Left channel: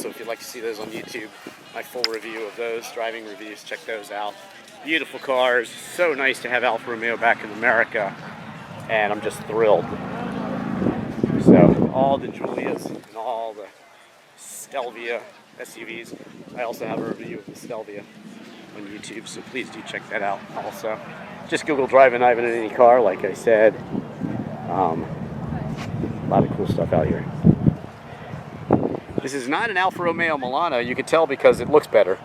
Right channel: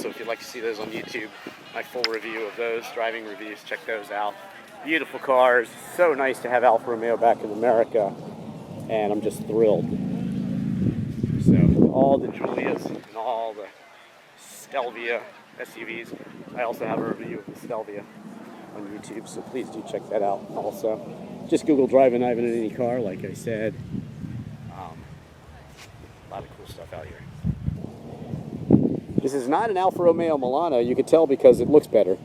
also, if you'd like to see those on YouTube, my full review of those, driving reviews, check those out. Beautiful cars. So nice to have Alfa Romeo back in America, and I'm just thrilled. So all the Giulias and all the Stelvia SUVs. I also have a review of the Stelvia on YouTube, so please do check that out also. Just Google Drivin Ivan in any car, like I said. A lot of cool stuff out here. This is not an Alfa Romeo Milano. You can tell because it looks better.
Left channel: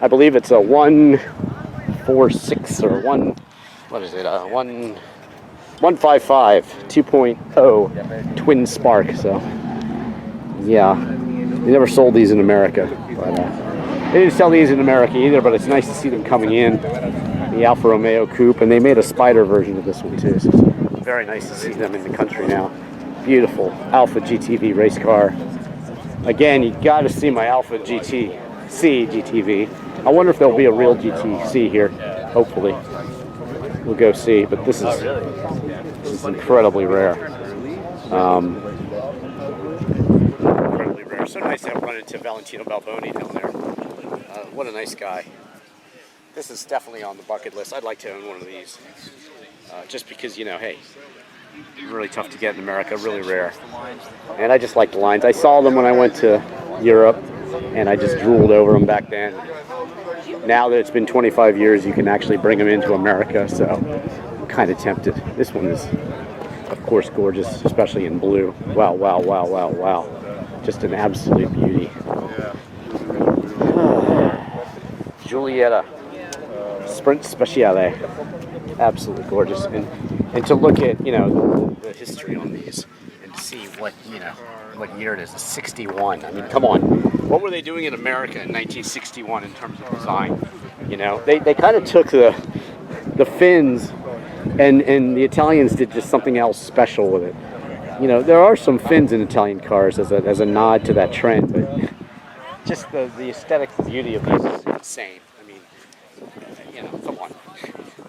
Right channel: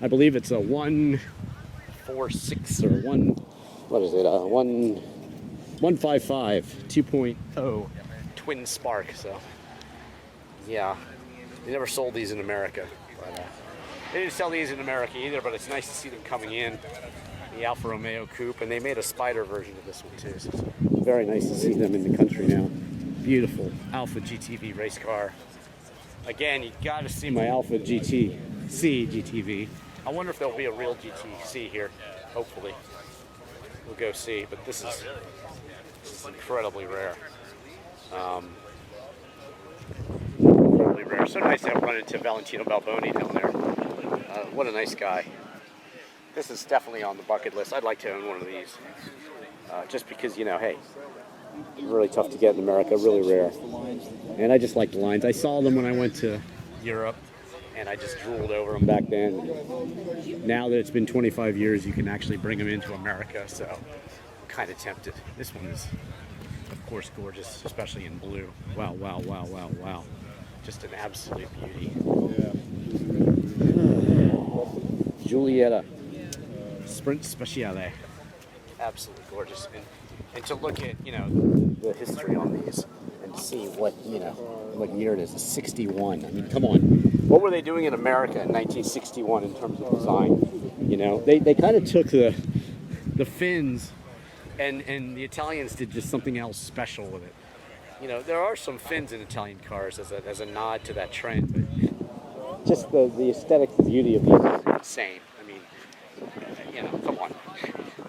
I believe it's a 146 or what is it? 155 2.0 twin spark. So yeah, they never sold these in America. But, they didn't sell these in America either, but it's nice to see them coming in. The Alfa Romeo Coupe, and they made a Spider version of this one too. So it's very nice to see them in the country now. Beautiful Alfa GTV race car. Again, you got to see my Alfa GTC GTV. I wonder if there'll be a real GTC here. Hopefully, we'll go see. But this is incredibly rare. Incredibly rare. So nice to have run into Valentino Balboni down there. What a nice guy. This is definitely on the bucket list. I'd like to own one of these. Just because, you know, hey, really tough to get in America, really rare. And I just like the lines. I saw them when I went to Europe, and I just drooled over them back then. Now that it's been 25 years, you can actually bring them into America, so I'm kind of tempted. This one is, of course, gorgeous, especially in blue. Wow, wow, wow, wow, wow. Just an absolute beauty. Giulietta Sprint Speciale. Absolutely gorgeous. And to look at, you know, the history on these and to see what, you know, what year it is. It's 61. I mean, come on. What were they doing in America in 1961 in terms of design? You know, they kind of took the fins and the Italians did just something else special with it. You know, there are some fins in Italian cars as a nod to that trend, but just the aesthetic beauty of these is insane. I mean, you know, come on.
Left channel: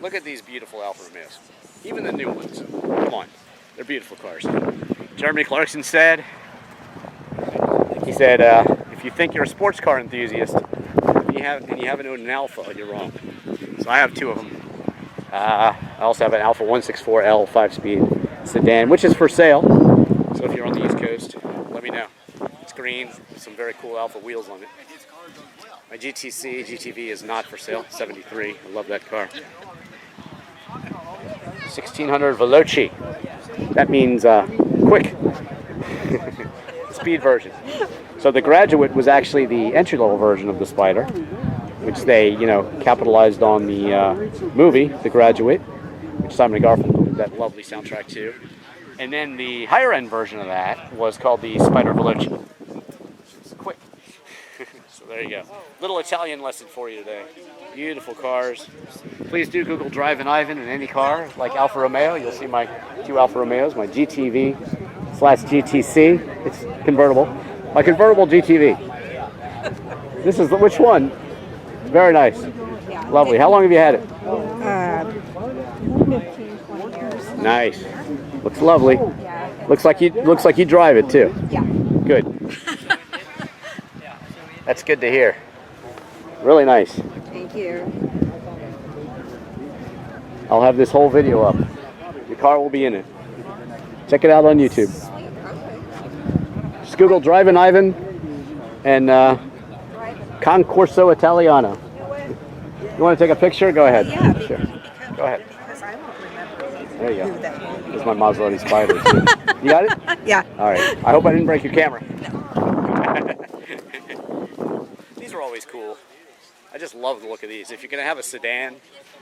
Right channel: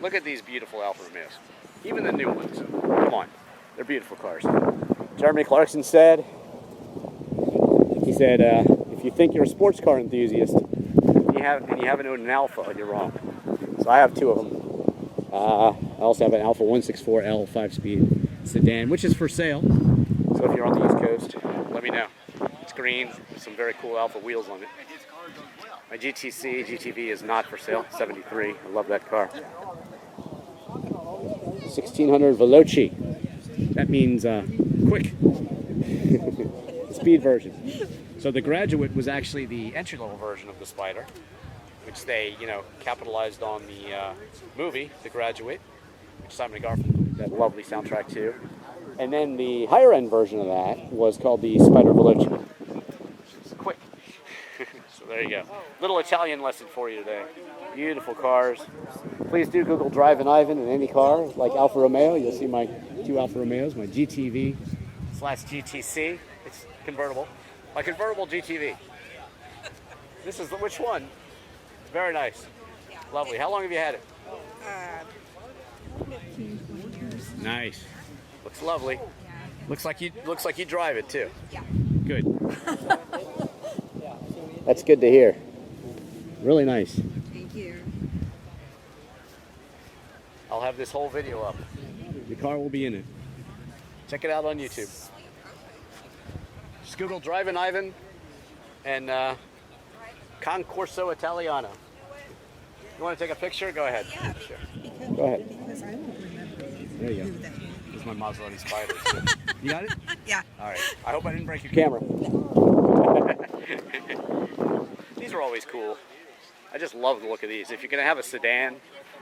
Look at these beautiful Alfa Romeos. Even the new ones. Come on. They're beautiful cars. Jeremy Clarkson said, if you think you're a sports car enthusiast and you haven't owned an Alfa, you're wrong. So I have two of them. I also have an Alfa 164L 5-speed sedan, which is for sale. So if you're on the East Coast, let me know. It's green with some very cool Alfa wheels on it. My GTC GTV is not for sale. 73. I love that car. 1600 Veloci. That means quick. Speed version. So the Graduate was actually the entry-level version of the Spider, which they, you know, capitalized on the movie, The Graduate, which Simon & Garfunkel did that lovely soundtrack to. And then the higher-end version of that was called the Spider Veloci. It's quick. So there you go. Little Italian lesson for you today. Beautiful cars. Please do Google Drivin Ivan in any car, like Alfa Romeo. You'll see my two Alfa Romeos, my GTV/GTC. It's convertible. My convertible GTV. This is which one? Very nice. Lovely. How long have you had it? 15, 20 years. Nice. Looks lovely. Looks like you drive it too. Yeah. Good. That's good to hear. Really nice. Thank you. I'll have this whole video up. Your car will be in it. Check it out on YouTube. Just Google Drivin Ivan and Concorso Italiano. You want to take a picture? Go ahead. Yeah, sure. Go ahead. Because I won't remember. There you go. There's my Maserati Spider too. You got it? Yeah. All right. I hope I didn't break your camera. These are always cool. I just love the look of these. If you're going to have a sedan,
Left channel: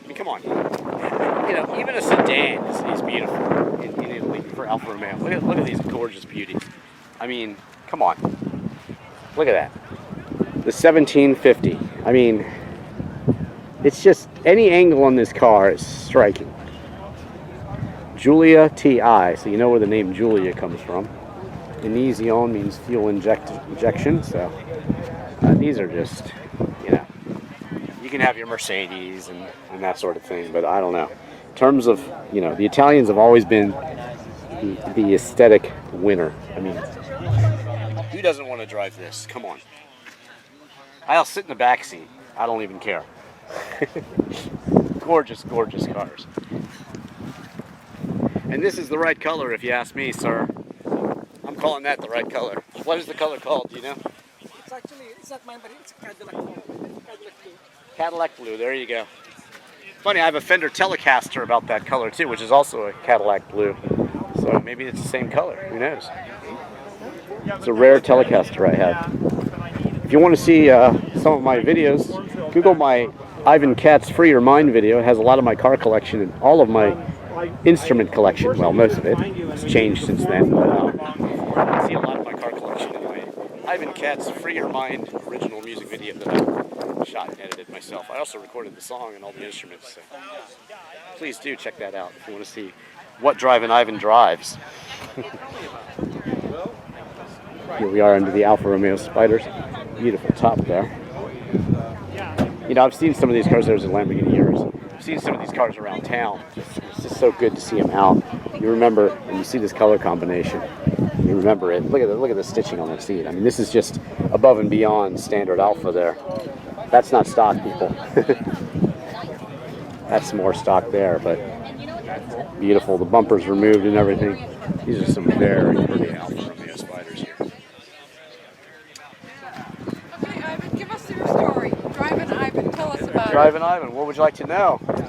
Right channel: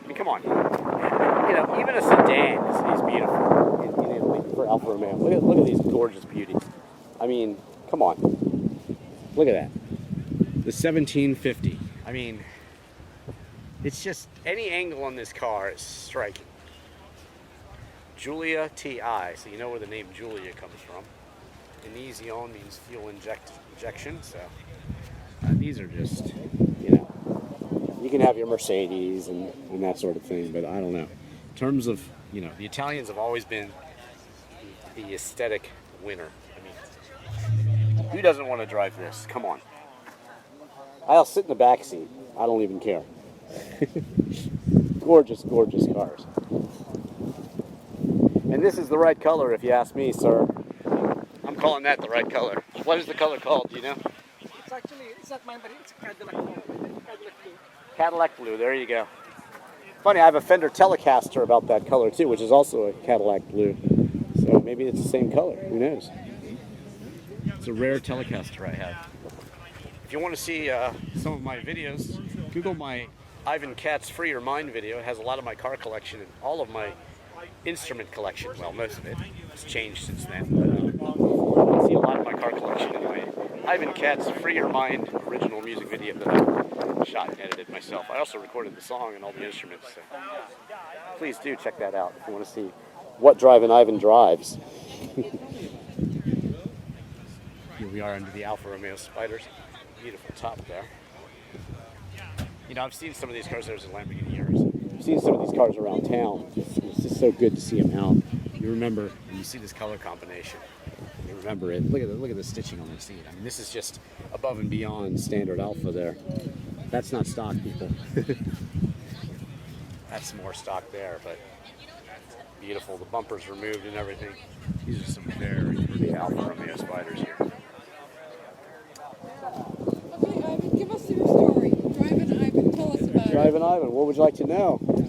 I mean, come on. You know, even a sedan is beautiful in Italy for Alfa Romeo. Look at these gorgeous beauties. I mean, come on. Look at that. The 1750. I mean, it's just, any angle on this car is striking. Giulia TI, so you know where the name Giulia comes from. Iniezione means fuel injection, so these are just, you know, you can have your Mercedes and that sort of thing, but I don't know. In terms of, you know, the Italians have always been the aesthetic winner. I mean, Who doesn't want to drive this? Come on. I'll sit in the back seat. I don't even care. Gorgeous, gorgeous cars. And this is the right color, if you ask me, sir. I'm calling that the right color. What is the color called? Do you know? It's actually, it's not mine, but it's Cadillac blue. Cadillac blue. There you go. Funny, I have a Fender Telecaster about that color too, which is also a Cadillac blue. So maybe it's the same color. Who knows? It's a rare Telecaster I have. If you want to see some of my videos, Google my Ivan Katz Free Your Mind video. It has a lot of my car collection and all of my instrument collection. Well, most of it. It's changed since then. But you can see a lot of my car collection in my Ivan Katz Free Your Mind original music video that I shot and edited myself. I also recorded the song and all the instruments. So please do check that out if you want to see what Drivin Ivan drives. Here we are under the Alfa Romeo Spiders. Beautiful top there. You know, I've seen some of these cars. There's a Lamborghini Urus. I've seen some of these cars around town. It's just so good to see them out. You remember, and you see this color combination. You remember it. Look at the stitching on that seat. I mean, this is just above and beyond standard Alfa there. That's not stock, people. That's more stock there, but beautiful. The bumper's removed and everything. These are some very pretty Alfa Romeo Spiders here. Okay, Ivan, give us your story. Drivin Ivan, tell us about Drivin Ivan, what would you like to know? it.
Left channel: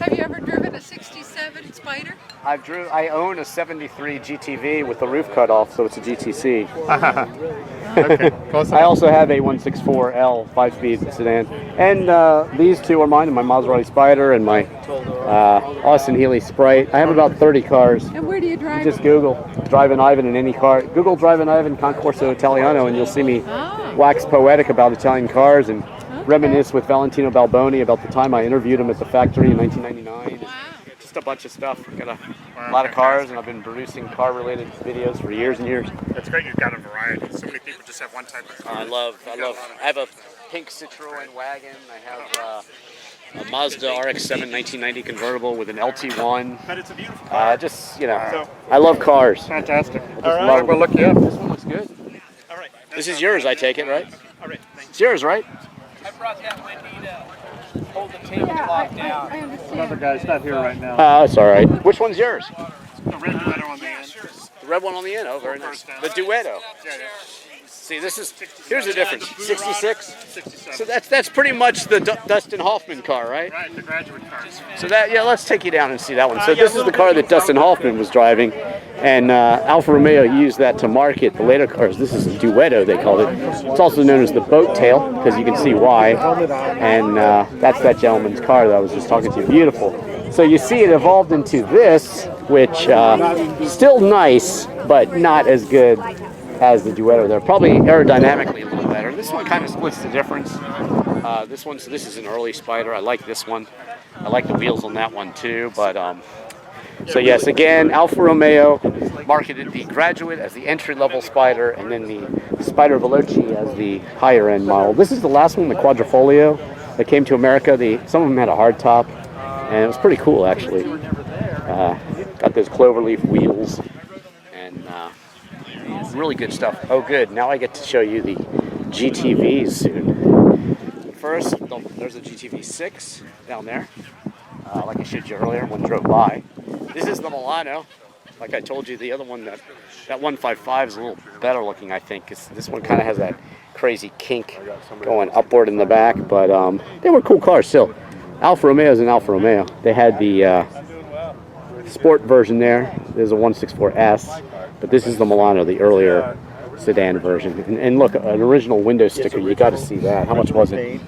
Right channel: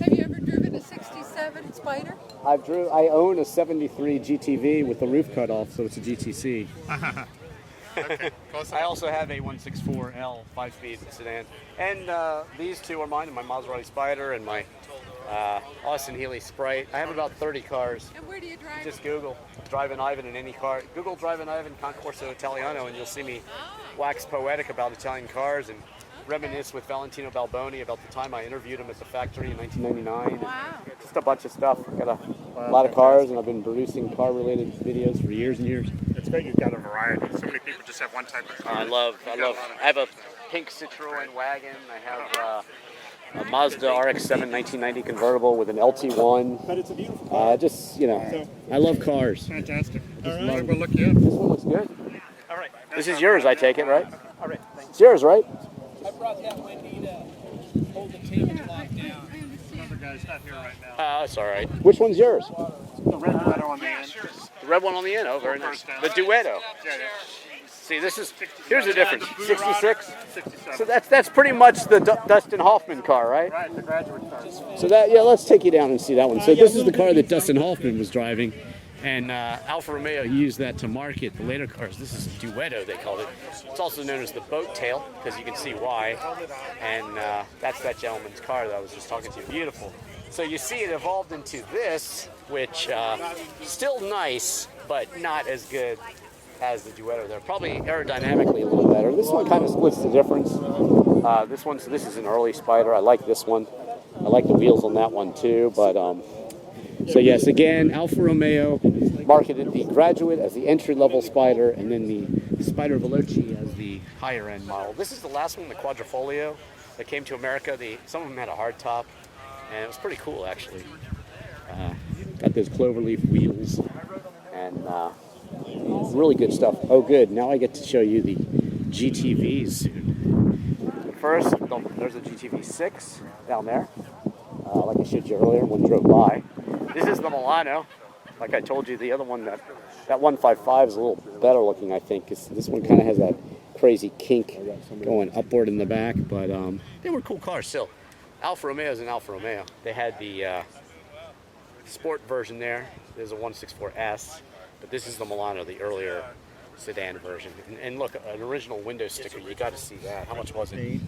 Have you ever driven a 67 Spider? I own a 73 GTV with the roof cut off, so it's a GTC. Okay, close I enough. also have a 164L 5-speed sedan, and these two are mine, and my Maserati Spider and my Austin Healey Sprite. I have about 30 cars. And where do you drive? Just Google Drivin Ivan in any car. Google Drivin Ivan Concorso Italiano, and you'll see me wax poetic about Italian cars and reminisce with Valentino Balboni about the time I interviewed him at the factory in 1999. Wow. Just a bunch of stuff. I've got a lot of cars, and I've been producing car-related videos for years and years. That's great. You've got a variety. So many people just have one type of car. I have a pink Citroen wagon. I have a Mazda RX-7 1990 convertible with an LT1. But it's a beautiful car. Just, you know, I love cars. Fantastic. All All right, right, we'll look you up. This one looks good. All right. This is yours, I take it, right? All right, thanks. It's yours, right? I brought that Wendy to hold the tablecloth down. I Another understand. guy's not here right now. It's all right. Which one's yours? The red letter on the end. The red one on the end. Oh, very nice. The Duetto. Yeah, yeah. See, here's the difference. 66. 67. So that's pretty much the Dustin Hoffman car, right? Right, the graduate car. So let's take you down and see that one. So this is the car that Dustin Hoffman was driving, and Alfa Romeo used that to market the later cars. This is a Duetto, they called it. It's also known as the boat tail, because you can see why. And that's that gentleman's car that I was just talking to. Beautiful. So you see it evolved into this, which still nice, but not as good as the Duetto. They're probably aerodynamically a little better. This one kind of splits the difference. This is an early Spider. I like this one. I like the wheels on that one too. But so yes, again, Alfa Romeo marketed the Graduate as the entry-level Spider, and then the Spider Veloce as the higher-end model. This is the last one, the Quadrifoglio, that came to America. Some of them had a hard top, and it was pretty cool actually. Got those cloverleaf wheels, and really good stuff. Oh, good. Now I get to show you the GTVs soon. First, there's a GTV 6 down there. Like I showed you earlier, one drove by. This is the Milano. Like I told you, the other one, that 155 is a little better looking, I think. This one kind of has that crazy kink going upward in the back, but they were cool cars still. Alfa Romeo is an Alfa Romeo. They had the sport version there. There's a 164S. But this is the Milano, the earlier sedan version. And look, an original window sticker, you got to see that. How much was it?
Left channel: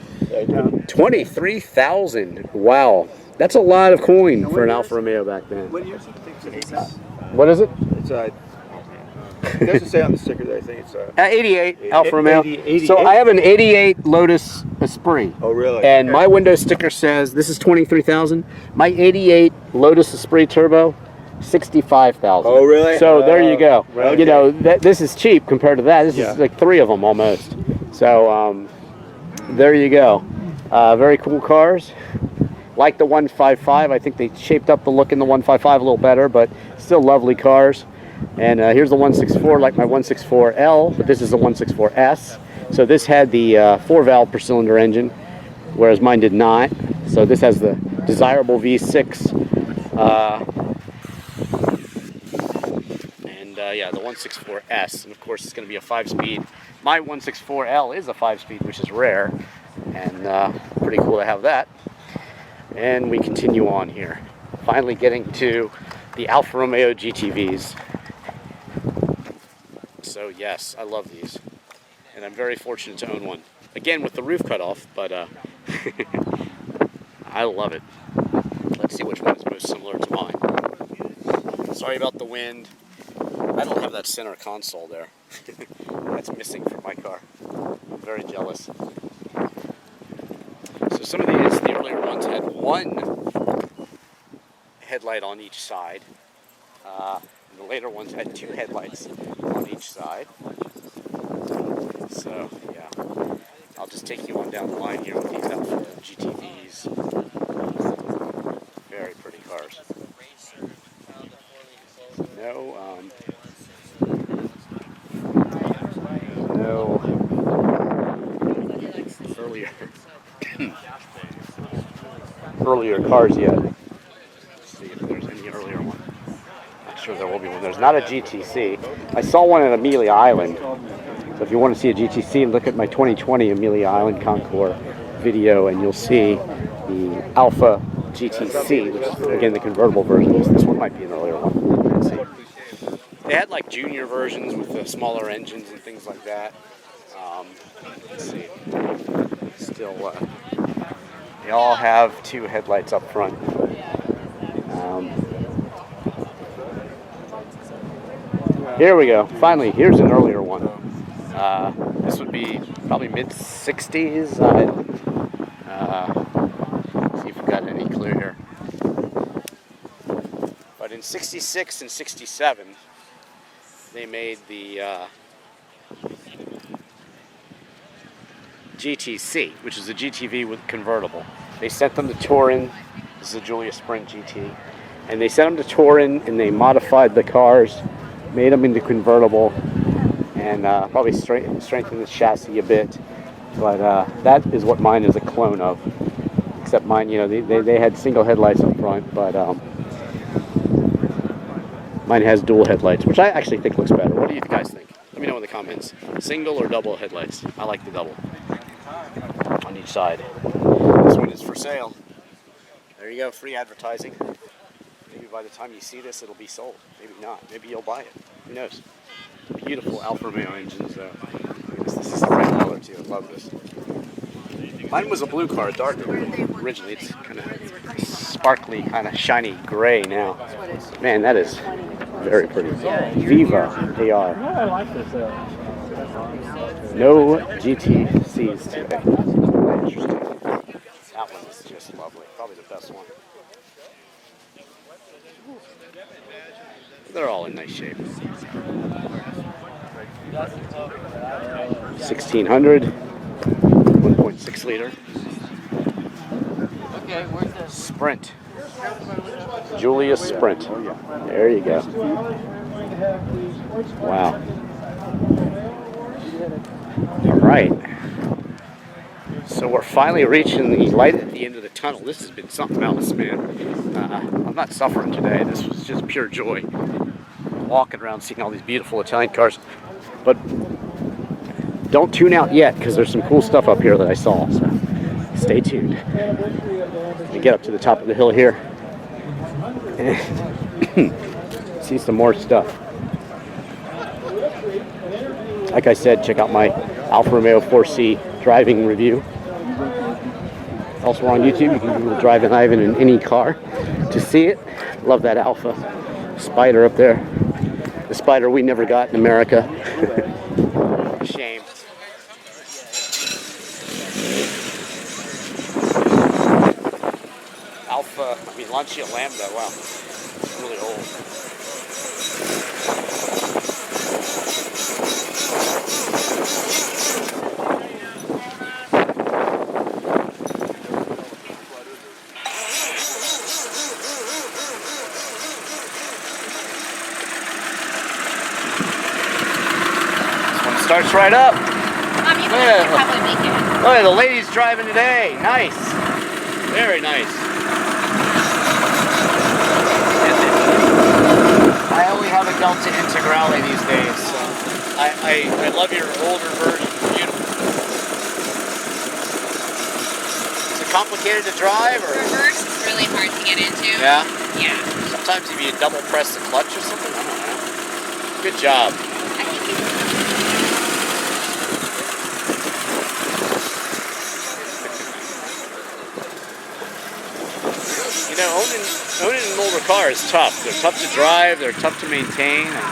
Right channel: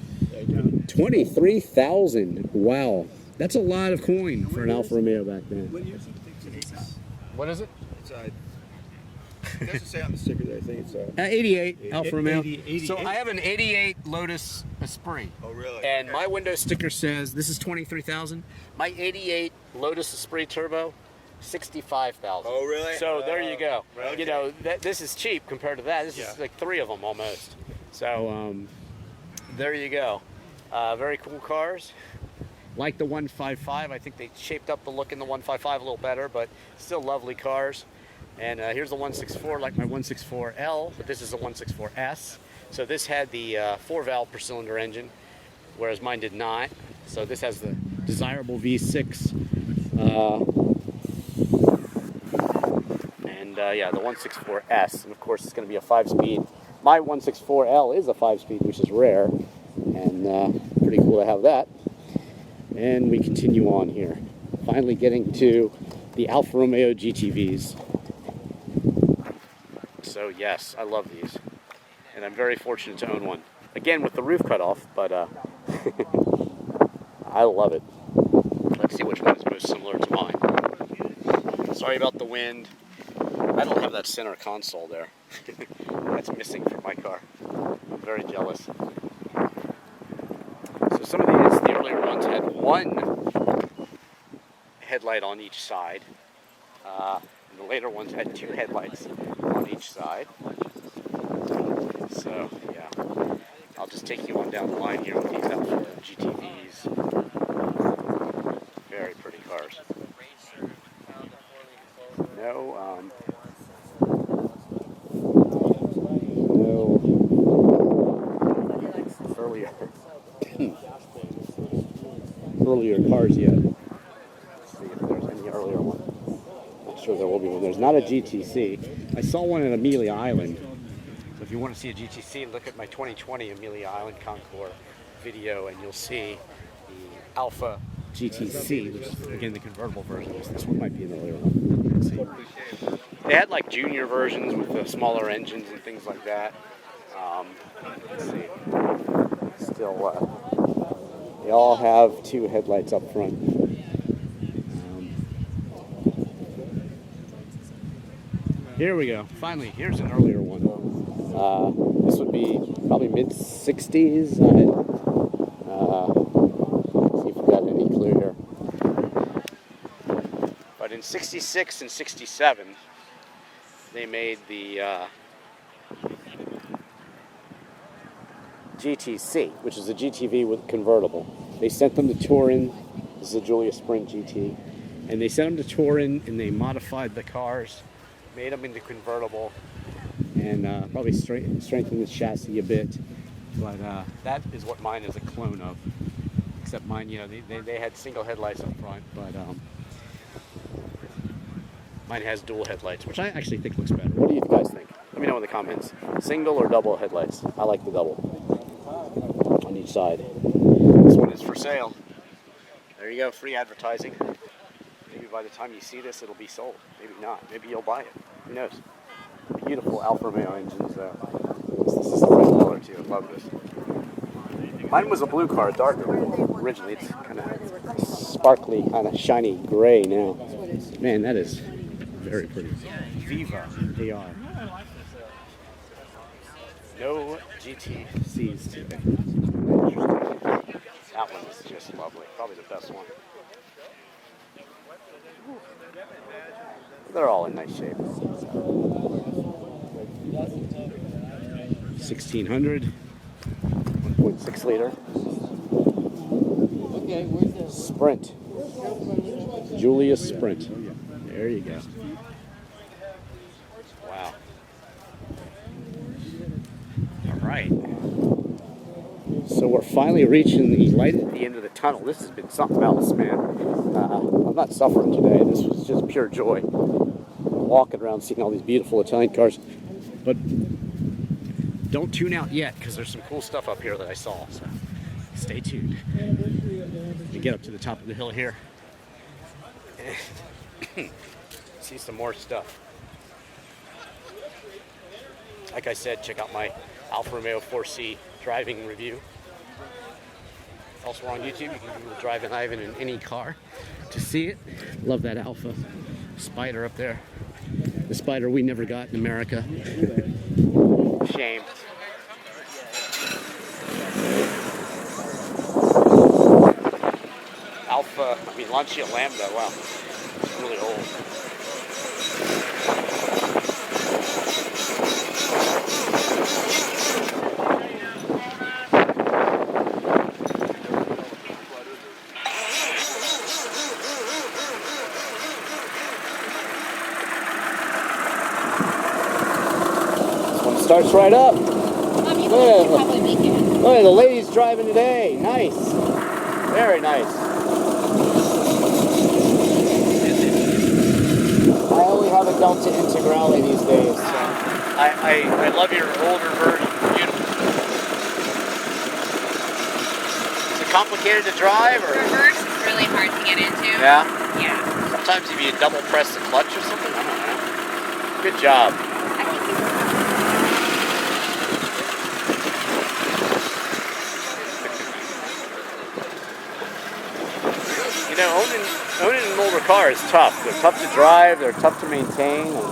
23,000. Wow. That's a lot of coin for an Alfa Romeo back then. What year is it? What is it? It's it doesn't say on the sticker that I think it's 88 Alfa Romeo. 88? So I have an 88 Lotus Esprit. Oh, really? And Okay. my window sticker says, this is 23,000. My 88 Lotus Esprit Turbo, 65,000. Oh, really? So there you go. Okay. You know, this is cheap compared to that. This is like 3 of them almost. So there you go. Very cool cars. Like the 155. I think they shaped up the look in the 155 a little better, but still lovely cars. And here's the 164, like my 164L, but this is the 164S. So this had the 4-valve per cylinder engine, whereas mine did not. So this has the desirable V6. Yeah, the 164S, and of course it's going to be a 5-speed. My 164L is a 5-speed, which is rare, and pretty cool to have that. And we continue on here, finally getting to the Alfa Romeo GTVs. So yes, I love these, and I'm very fortunate to own one. Again, with the roof cut off, but I love it. Let's see which one is most similar to mine. Sorry about the wind. I don't have that center console there. That's missing from my car. I'm very jealous. So some of these, the earlier ones, had one headlight on each side. And the later ones had 2 headlights on each side. So, yeah. I'll just take you on down the line here with these Alfa GTVs. Very pretty cars. No, earlier cars yet. Let's see if there's any earlier one. Not sure there will be one. There's not a GTC. I saw one at Amelia Island. So if you want to see a GTC, look at my 2020 Amelia Island Concours video, and you'll see the Alfa GTC, which is again the convertible version. This one might be an earlier one. Let's see. They had like junior versions with the smaller engines and things like that. Let's see. Still, they all have 2 headlights up front. Here we go. Finally, here's an earlier one. This would be probably mid-60s. See if we've got any clue here. But in 66 and 67, they made the GTC, which is a GTV with convertible. They sent them to Turin. This is a Giulia Sprint GT. And they sent them to Turin, and they modified the cars, made them into convertible, and probably strengthened the chassis a bit. But that is what mine is a clone of. Except mine, you know, they had single headlights up front, but mine has dual headlights, which I actually think looks better. What do you guys think? Let me know in the comments. Single or double headlights? I like the double on each side. This one is for sale. There you go, free advertising. Maybe by the time you see this, it'll be sold. Maybe not. Maybe you'll buy it. Who knows? Beautiful Alfa Romeo engines, though. This is the red color, too. I love this. Mine was a blue car, darker originally. It's kind of sparkly, kind of shiny gray now. Man, that is very pretty. Viva, they are. No GTCs today. Interesting. That one is just lovely. Probably the best one. They're all in nice shape. 1600, 1.6 liter. Sprint. Giulia Sprint. There you go. Wow. All right. So we're finally reaching the light at the end of the tunnel. This has been something else, man. I'm not suffering today. This was just pure joy. Walking around seeing all these beautiful Italian cars. But don't tune out yet, because there's some cool stuff up here that I saw. So stay tuned. We get up to the top of the hill here and see some more stuff. Like I said, check out my Alfa Romeo 4C driving review. Also on YouTube, you can Google Drivin Ivan in any car to see it. Love that Alfa Spider up there. The Spider we never got in America. Shame. Lancia Lambda, wow. It's really old. starts right up. You Look at could probably make it. Look at the ladies driving today. Nice. Very nice. I only have a Delta Integrale these days, so I love your older version. Beautiful. Is it complicated to drive, or? Reverse is really hard to get into. Yeah? Yeah. Sometimes if you double press the clutch or something, I don't know. Good job. I think You know, owning an older car is tough. They're tough to drive, they're tough to maintain, and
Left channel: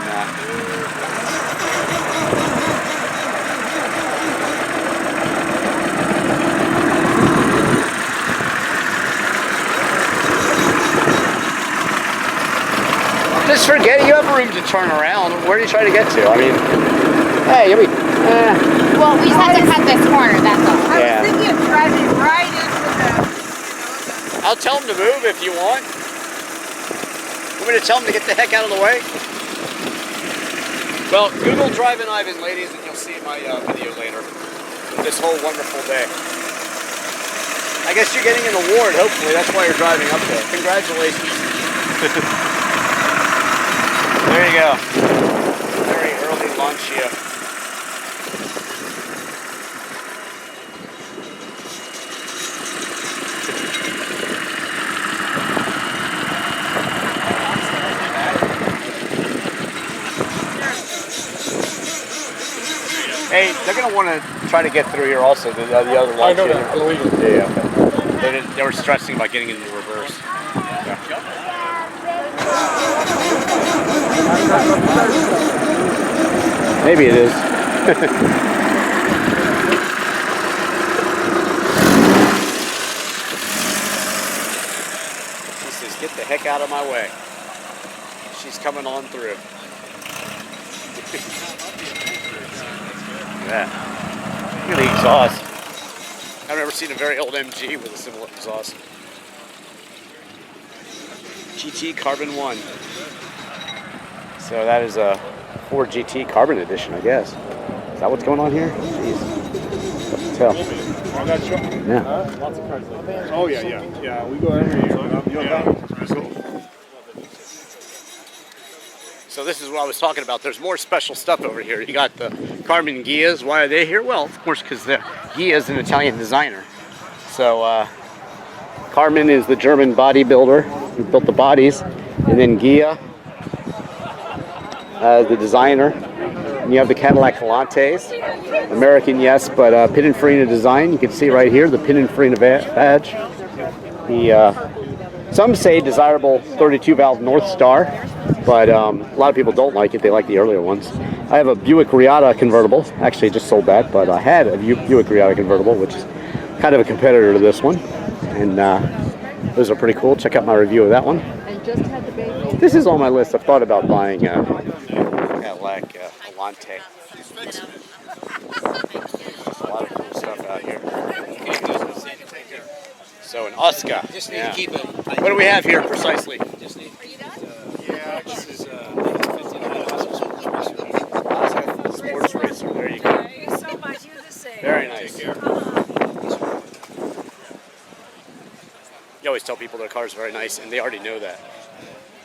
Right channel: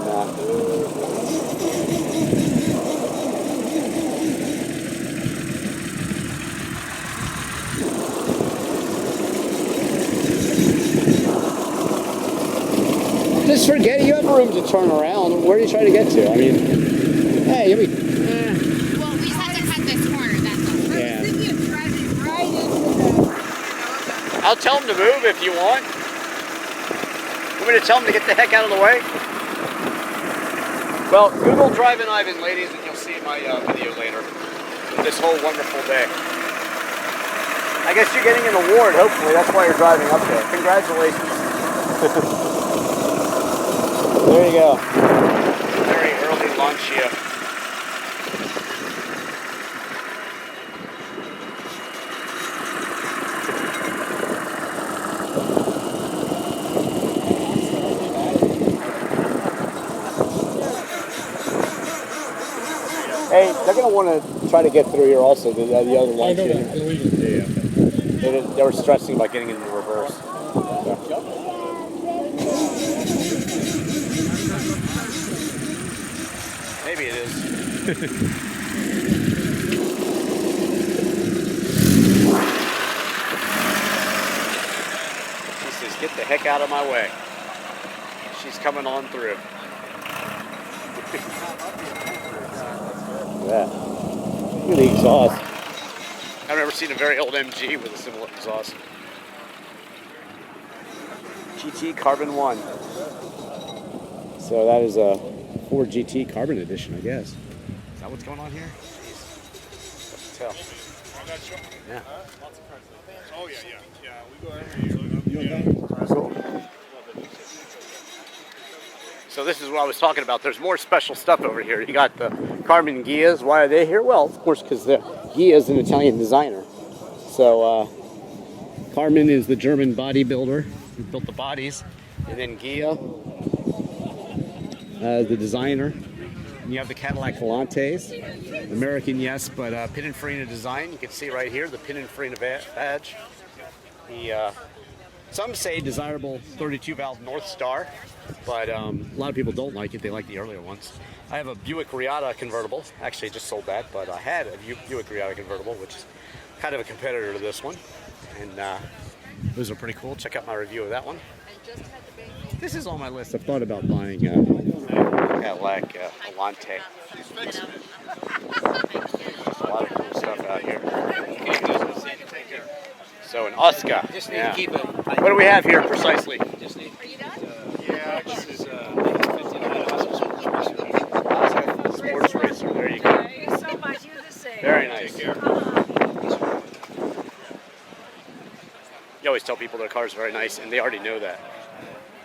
just forget you have room to turn around. Where do you try to get to? I mean, hey, you'll be. well, we just had to cut this corner, that's all. I Yeah. was thinking of driving right into the, I'll tell them to move if you want. Want me to tell them to get the heck out of the way? Well, Google Drivin Ivan, ladies, and you'll see my video later. This whole wonderful day. I guess you're getting an award, hopefully. That's why you're driving up there. Congratulations. There you go. Very early launch here. Hey, they're going to want to try to get through here also, the other launch. I know that. Illegal. Yeah, okay. They were stressing about getting into reverse. Yeah. Maybe it is. She says, get the heck out of my way. She's coming on through. Look at that. Look at the exhaust. I've never seen a very old MG with a similar exhaust. GT Carbon 1. So that is a Ford GT Carbon Edition, I guess. Is that what's going on here? Jeez. Tough to tell. Yeah. Lots of cars like that. Oh, yeah. Yeah, we go every year. Cool. So this is what I was talking about. There's more special stuff over here. You got the Carmen Ghias. Why are they here? Well, of course, because Ghia is an Italian designer. So Carmen is the German bodybuilder who built the bodies, and then Ghia, the designer. And you have the Cadillac Volantes, American, yes, but Pininfarina design. You can see right here the Pininfarina badge. The some say desirable 32 valve North Star, but a lot of people don't like it. They like the earlier ones. I have a Buick Riata convertible. Actually, I just sold that, but I had a Buick Riata convertible, which is kind of a competitor to this one. And those are pretty cool. Check out my review of that one. This is on my list. I've thought about buying a Cadillac Volante. There's a lot of cool stuff out here. So an Oscar. Just need to keep it. What do we have here precisely? Just need to keep it. Yeah, This is 59 Sports racer. There you go. thank you so much. You're the same. Very nice. You always tell people their car's very nice, and they already know that.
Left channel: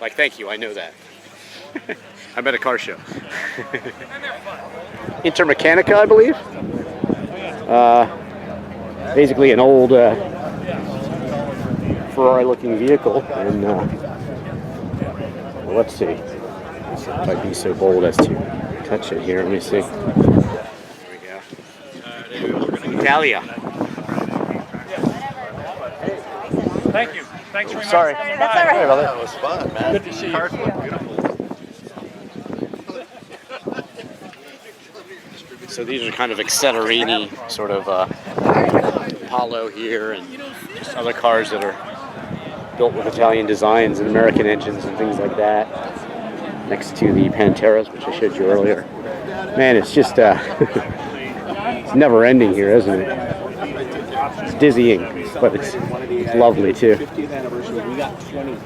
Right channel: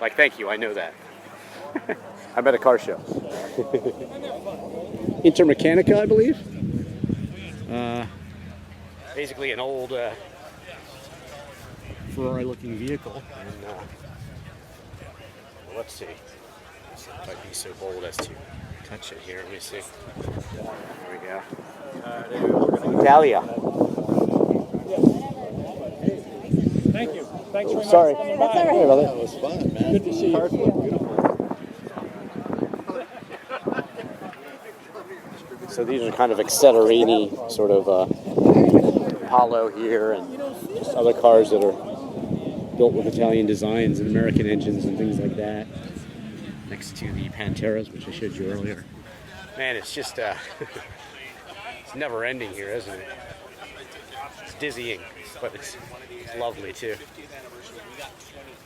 Like, thank you, I know that. I'm at a car show. Intermechanica, I believe. Basically an old Ferrari-looking vehicle, and well, let's see. If I'd be so bold as to touch it here. Let me see. There we go. Italia. Thank you. Thanks very much. Sorry. for coming That's by. all right. Sorry about That was fun, man. Good to see you. Cars look beautiful. So these are kind of Accelerini sort of Apollo here, and just other cars that are built with Italian designs and American engines and things like that. Next to the Panteras, which I showed you earlier. Man, it's just it's never ending here, isn't it? It's dizzying, but it's lovely too. 50th anniversary. We got 20.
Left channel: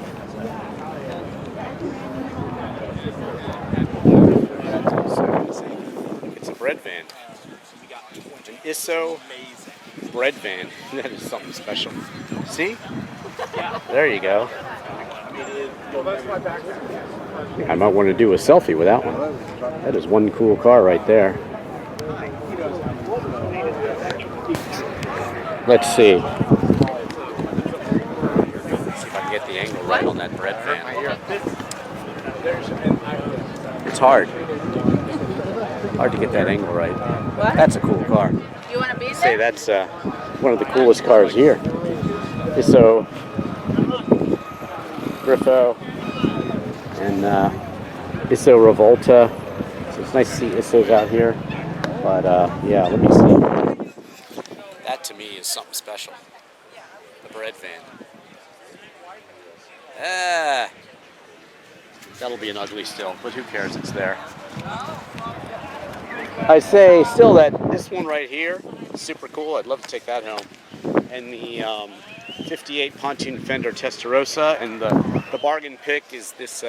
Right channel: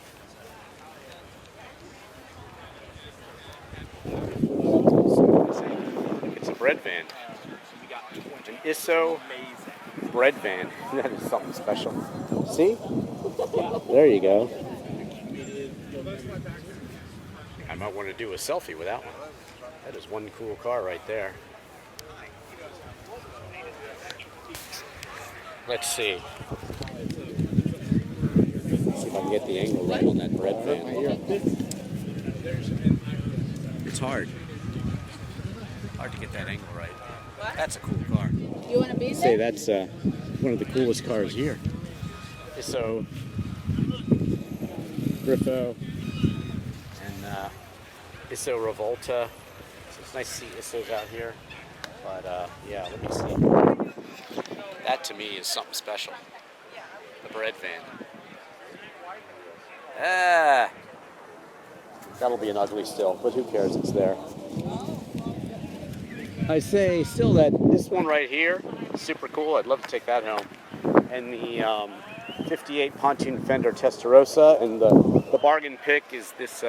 Get some bread van. An ISO bread van. That is something special. See? There you go. I might want to do a selfie with that one. That is one cool car right there. Let's see. Let's see if I can get the angle right on that bread van. It's hard. Hard to get that angle right. That's a cool car. You want to be Say there? that's one of the coolest cars here. ISO, Griffo, and ISO Revolta. So it's nice to see ISOs out here. But yeah, let me see. That to me is something special. The bread van. Ah, that'll be an ugly still, but who cares? It's there. I say still that this one right here is super cool. I'd love to take that home. And the 58 pontoon fender Testarossa, and the bargain pick is this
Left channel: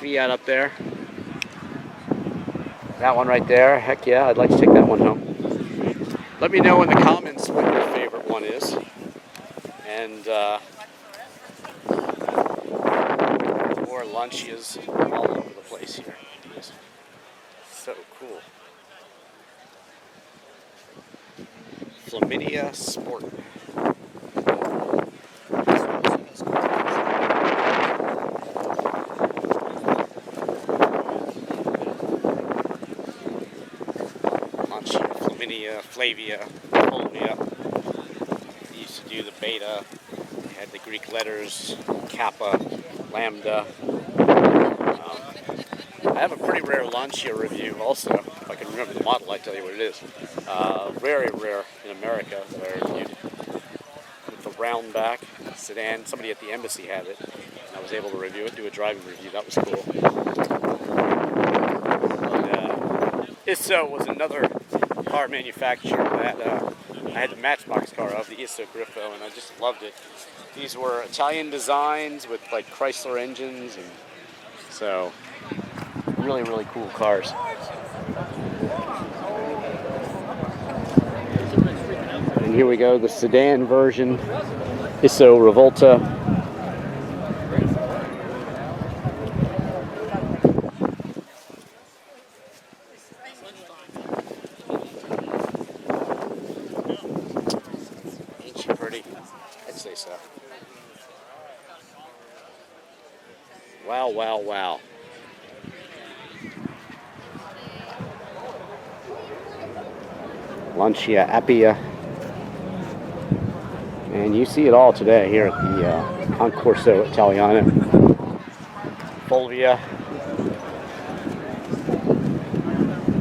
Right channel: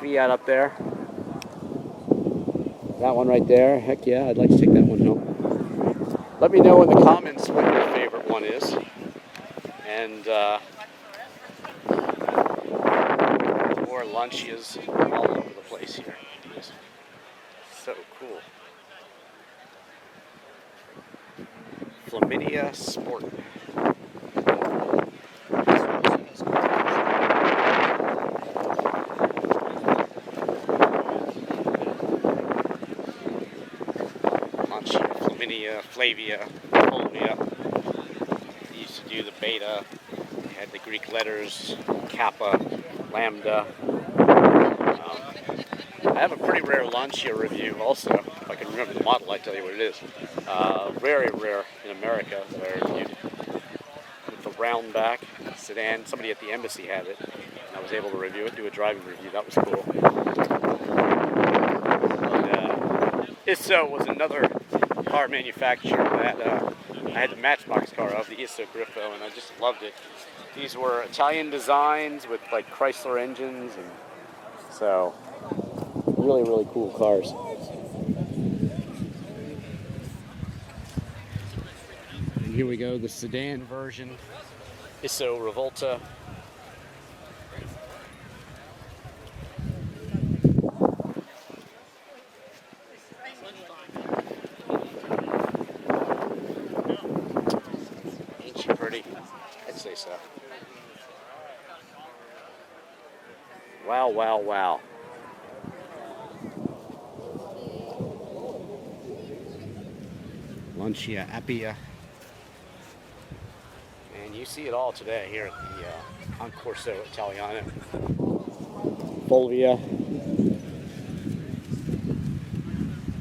Fiat up there. That one right there. Heck yeah, I'd like to take that one home. Let me know in the comments what your favorite one is. And more Lancias all over the place here. So cool. Flaminia Sport. Lancia, Flaminia, Flavia, Fulvia. They used to do the Beta. They had the Greek letters, Kappa, Lambda. I have a pretty rare Lancia review also. If I can remember the model, I tell you what it is. Very rare in America that I reviewed. With the round back sedan. Somebody at the embassy had it. And I was able to review it, do a driving review. That was cool. ISO was another car manufacturer that I had the Matchbox car of, the ISO Griffo, and I just loved it. These were Italian designs with like Chrysler engines, and so really, really cool cars. And here we go, the sedan version, ISO Revolta. Ain't she pretty? I'd say so. Wow, wow, wow. Lancia Appia. And you see it all today here at the Concorso Italiano. Fulvia.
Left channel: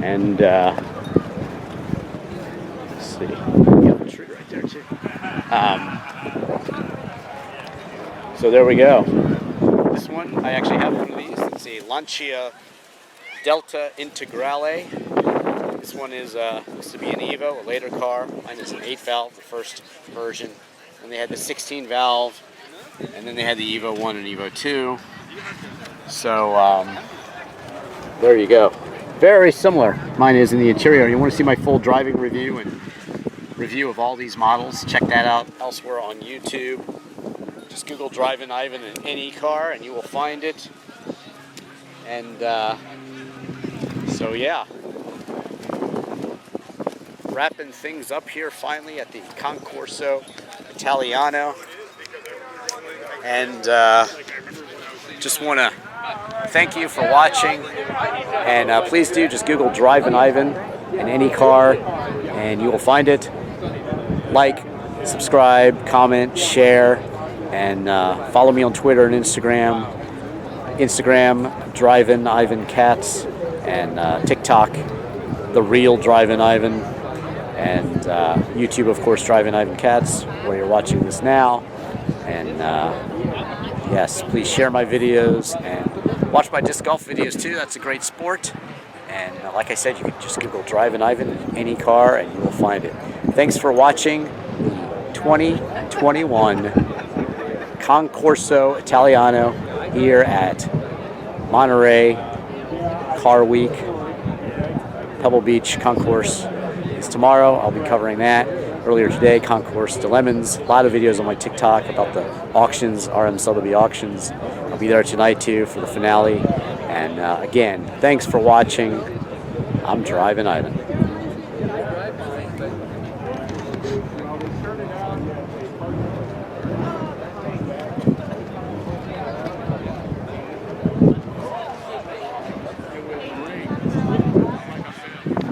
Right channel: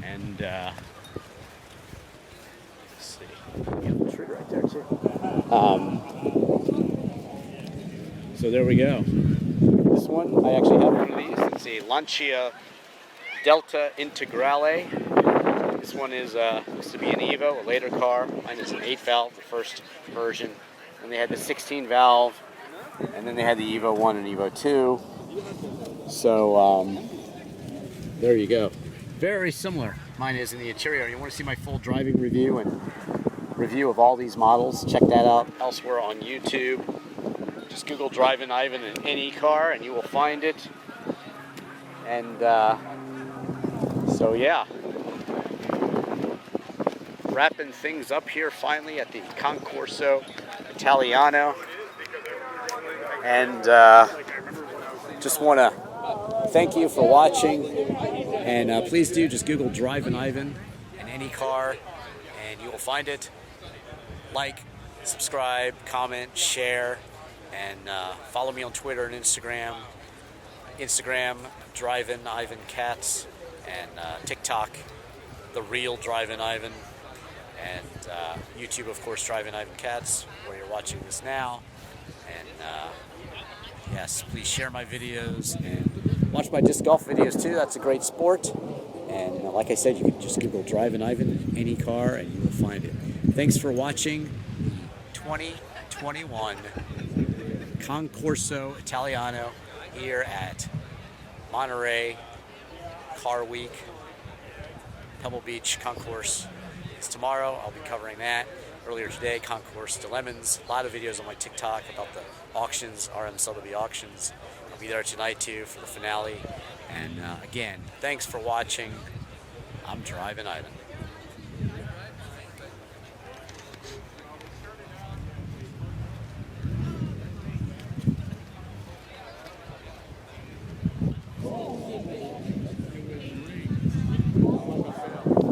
And let's see, you have a tree right there too. So there we go. This one, I actually have one of these. It's a Lancia Delta Integrale. This one is used to be an Evo, a later car. Mine is an 8-valve, the first version. And they had the 16-valve, and then they had the Evo 1 and Evo 2. So there you go. Very similar. Mine is in the interior. You want to see my full driving review and review of all these models? Check that out elsewhere on YouTube. Just Google Drivin Ivan in any car, and you will find it. And so yeah. Wrapping things up here finally at the Concorso Italiano, and just want to thank you for watching, and please do just Google Drivin Ivan in any car and you will find it. Like, subscribe, comment, share, and follow me on Twitter and Instagram. Drivin Ivan Cats, and TikTok The Real Drivin Ivan, and YouTube, of course, Drivin Ivan Cats, where you're watching this now. And yes, please share my videos and watch my disc golf videos too. That's a great sport. And like I said, you can just Google Drivin Ivan in any car and you will find it. Thanks for watching the 2021 Concorso Italiano here at Monterey Car Week. Pebble Beach Concourse is tomorrow. I'll be covering that. Earlier today, Concourse de Lemons. A lot of videos on my TikTok about the auctions, RMSLW auctions. I'll be there tonight too for the finale. And again, thanks for watching. I'm Drivin Ivan.